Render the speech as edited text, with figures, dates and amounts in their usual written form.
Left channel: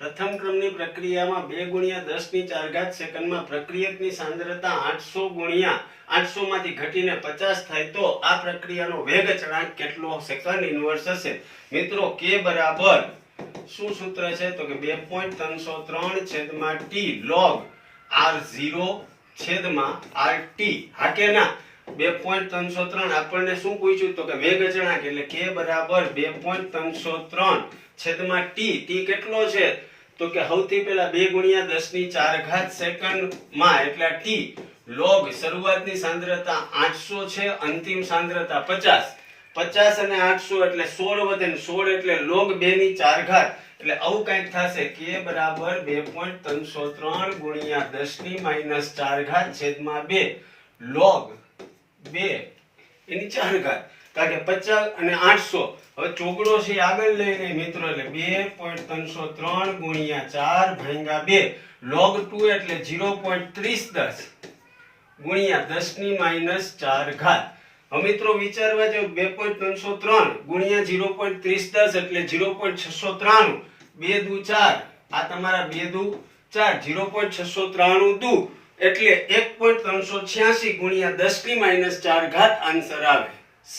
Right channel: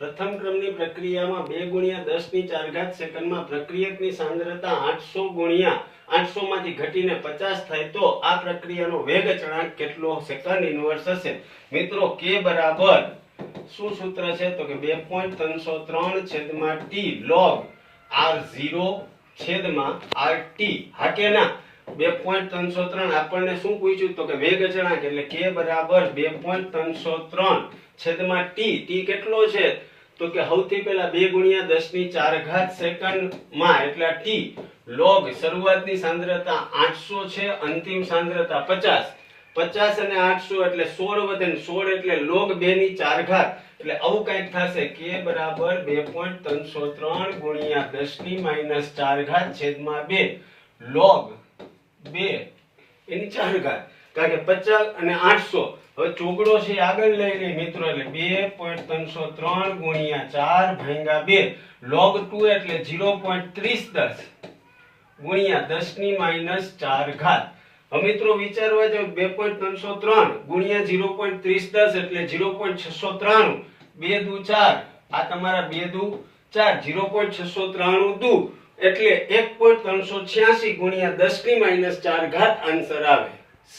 પ્રથમ ક્રમની પ્રક્રિયામાં 2 ગુણ્યા 10 ની 4 ઘાત સેકન્ડમાં પ્રક્રિયકની સાંદ્રતા 800 ગુણ્યા 800 માંથી ઘટીને 50 થાય તો આ પ્રક્રિયાનો વેગ અચળાંક કેટલો સેકન્ડ ઇન્વર્સ હશે? મિત્રો k બરાબર શું સૂત્ર છે તો કે 2.303 છેદમાં t log r0 છેદમાં rt. હા કે ના? 2.303 આપણને શું પૂછ્યું તો કે વેગ અચળાંક એટલે k બરાબર 2.303 છેદમાં t. t કેટલો છે તો કે સૌથી પહેલા 2 ગુણ્યા 10 ની 4 ઘાત સેકન્ડમાં એટલે t log શરૂઆતની સાંદ્રતા 800 છે, અંતિમ સાંદ્રતા 50. 50 અને 800 એટલે 16 વધે ને 16 એટલે log 2 ની 4 ઘાત એટલે આવું કંઈક થશે k બરાબર 2.303 ગુણ્યા 10 ની -4 ઘાત છેદમાં 2 log 2 એની 4 ઘાત. કારણ કે 50 અને 800 હવે ચોગડો છે આગળ લઈ ગઈ મિત્રો એટલે 2.303 ગુણ્યા 4 ભાગ્યા 2 log 2 એટલે 0.3010 ગુણ્યા 10 ની -4 ઘાત. હવે મિત્રો વિચારવા જાવ 2.303 ગુણ્યા 0.3010 એટલે 0.693 2 દુ 4 આ તમારા 2 દુ 4 0.693 દુ એટલે 1.386 ગુણ્યા 10 ની -4 ઘાત આન્સર આવે C.